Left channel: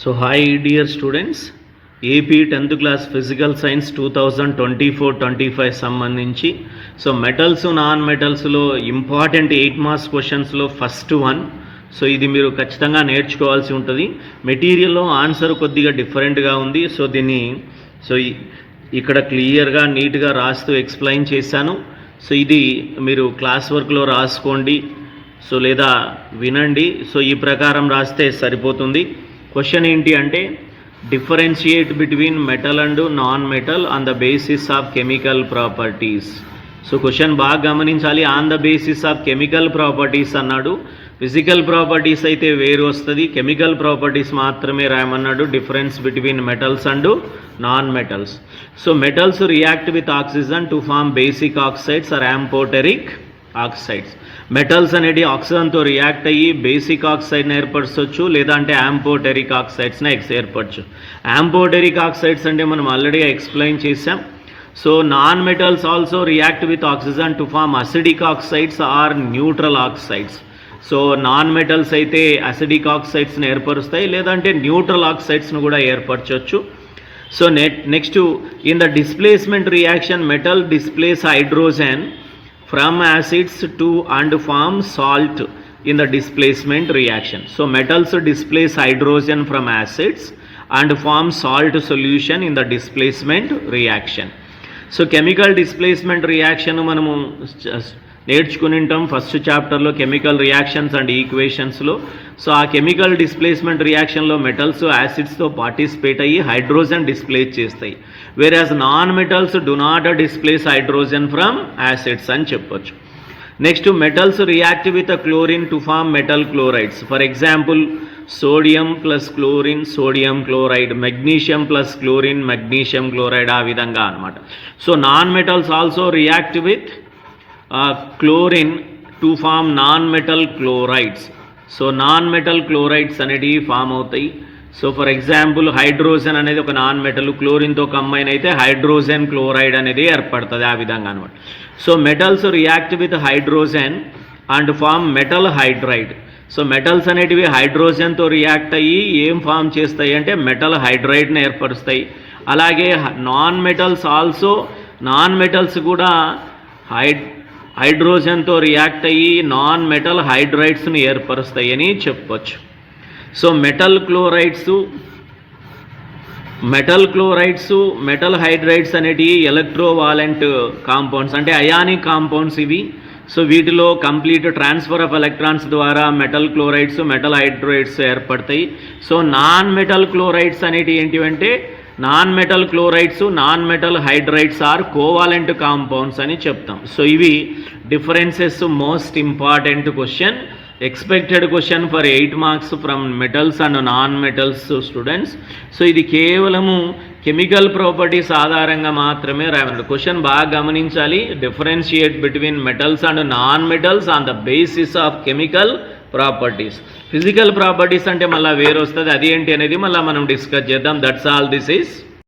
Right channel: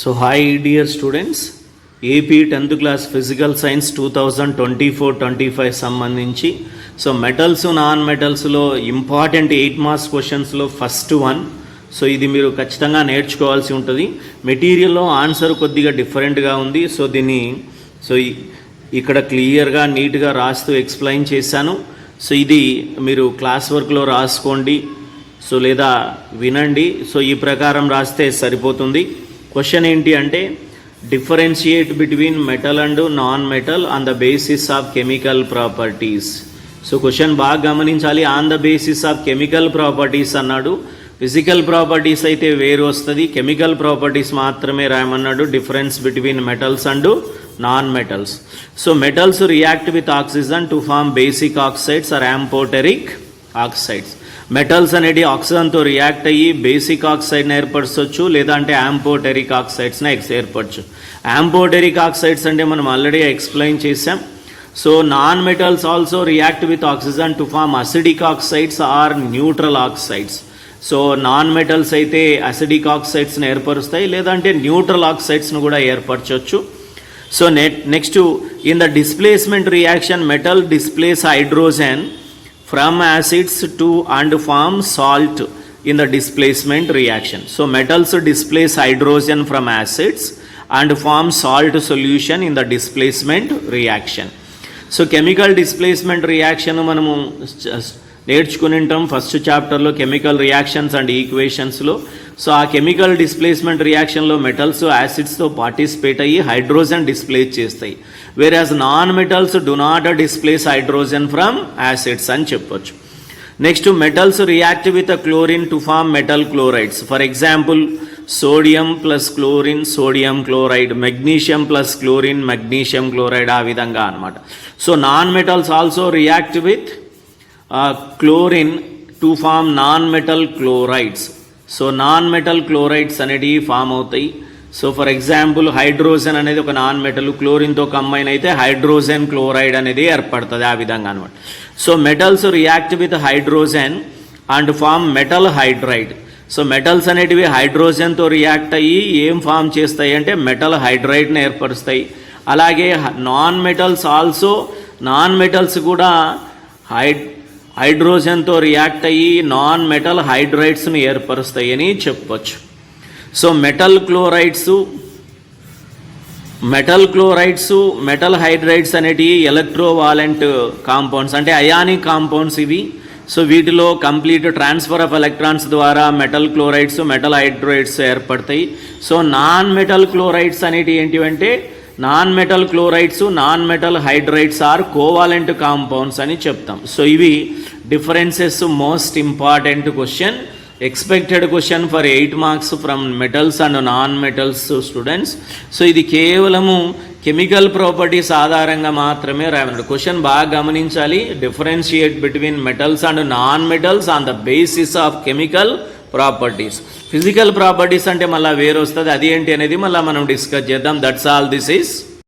So hi dear students, AP 10th class physical science 2024-25 సంబంధించి so metals non మెటల్స్లో important 8 marks క్వశ్చన్స్లో first one. So ఇది మీరు ఖచ్చితంగా నేర్చుకోవాల్సి ఉంటుంది. మెటీరియల్లో ఆన్సర్ కొద్దిగా డిఫరెంట్గా ఉంది. సో దీన్ని ఇక్కడ క్లియర్గా నీట్గా రాస్తూ ఎక్స్ప్లెయిన్ చేశాను. సో ఇది మీరు క్లాస్ వర్క్లో రాసుకోండి, సో లేదా వినండి. సో ఈ ప్రకారం రాస్తే సరిపోతుంది. క్వశ్చన్ ఏంటి అంటే, differentiate between metal and non metal on the basis of chemical properties. So question బాగా గమనించాలి. On the basis of chemical properties అన్నాడు. ఫిజికల్ ప్రాపర్టీస్ అయితే వేరు వస్తుంది, కెమికల్ ప్రాపర్టీస్ మాత్రమే రాయమన్నాడు. Difference between metals and non metals. So metals react with oxygen to form basic oxides or amphoteric oxides. Metals అనేది ఆక్సిజన్తో రియాక్ట్ అయ్యి బేసిక్ ఆక్సైడ్ని ఏర్పరచవచ్చు, లేదా అంటే యాంపోటెరిక్ ఆక్సైడ్స్ని ఏర్పరచు. యాంపోటెరిక్ ఆక్సైడ్స్ అంటే మనం ఆల్రెడీ ఎక్స్ప్లెయిన్ చేసాం. So non metals also react with oxygen to form acidic oxides or neutral oxides. So non metals అయితే acidic ఆక్సైడ్స్ని ఏర్పరుస్తాయి, లేదంటే న్యూట్రల్ ఆక్సైడ్స్ను కూడా ఏర్పరచవచ్చు. So next in the displacement reaction metal displace hydrogen from acids to and form salt in the displacement reaction. So metals displace hydrogen from acids and form salt solution in the displacement reaction. So chemical displacement reaction మనము నేర్చుకుని ఉంటాం first చాప్టర్లో chemical reactions and ఈక్వేషన్స్లో. So ఆ chemical displacement రియాక్షన్లో metals యాసిడ్స్తో participate అయ్యి hydrogen displays చేస్తాయి, whereas non-metals do not displace hydrogen from acids అని చెప్పొచ్చు. Next metals react with chlorine to form metal chlorides. For example sodium plus chlorine sodium chloride, magnesium plus chlorine magnesium chloride, ఆ విధంగా అనమాట. So non metals also react with chlorine to form non metal chlorides. So non metal chlorides అనేటివి form అవుతాయి. So for example hydrogen అనేది ఒక non metal, క్లోరిన్తో combine అయితే hydrogen chloride అనేది ఏర్పడుతుంది, ఆ విధంగా అనమాట. So metals react with hydrogen and form metal hydride. So metals అనేటివి హైడ్రోజన్తో రియాక్ట్ అయ్యి ఏం ఫామ్ చేస్తాయి అంటే మెటల్ హైడ్రైడ్ని ఏర్పరుస్తాయి. అలాగే నాన్ మెటల్స్ కూడా హైడ్రోజన్తో రియాక్ట్ అయ్యి నాన్ మెటల్ హైడ్రైడ్స్ని ఏర్పరుస్తాయి అని చెప్పొచ్చు. So metal chlorides metal hydrides అనేటివి ఎలక్ట్రోవాలెంట్ కాంపౌండ్స్, అంటే అయానిక్ కాంపౌండ్స్ ఇవి. సో వీటిలో కంప్లీట్ ట్రాన్స్ఫర్ ఆఫ్ ఎలక్ట్రాన్స్ ద్వారా మెటల్ క్లోరైడ్స్ మెటల్ హైడ్రైడ్స్ ఏర్పడతాయి. సో నాన్ మెటల్ క్లోరైడ్స్ అనేటివి ఏంటివంటే, non metal chlorides non metal hydrides are covalent compounds అని చెప్తాం. సో ఇవి differences. Most important question, expected question for 8 marks from metals and non metals students. So ఇది కేవలము chemical properties ఆధారంగా మాత్రమే రాయాలి. క్వశ్చన్ బాగా గమనించాలి. Differentiate between metals and non metals on the basis of chemical properties. Physical properties అంటే మళ్ళీ వేరు వస్తుంది, అది ఏంటి అనేది మళ్ళీ మనం డిస్కస్ చేద్దాం. That's all. This is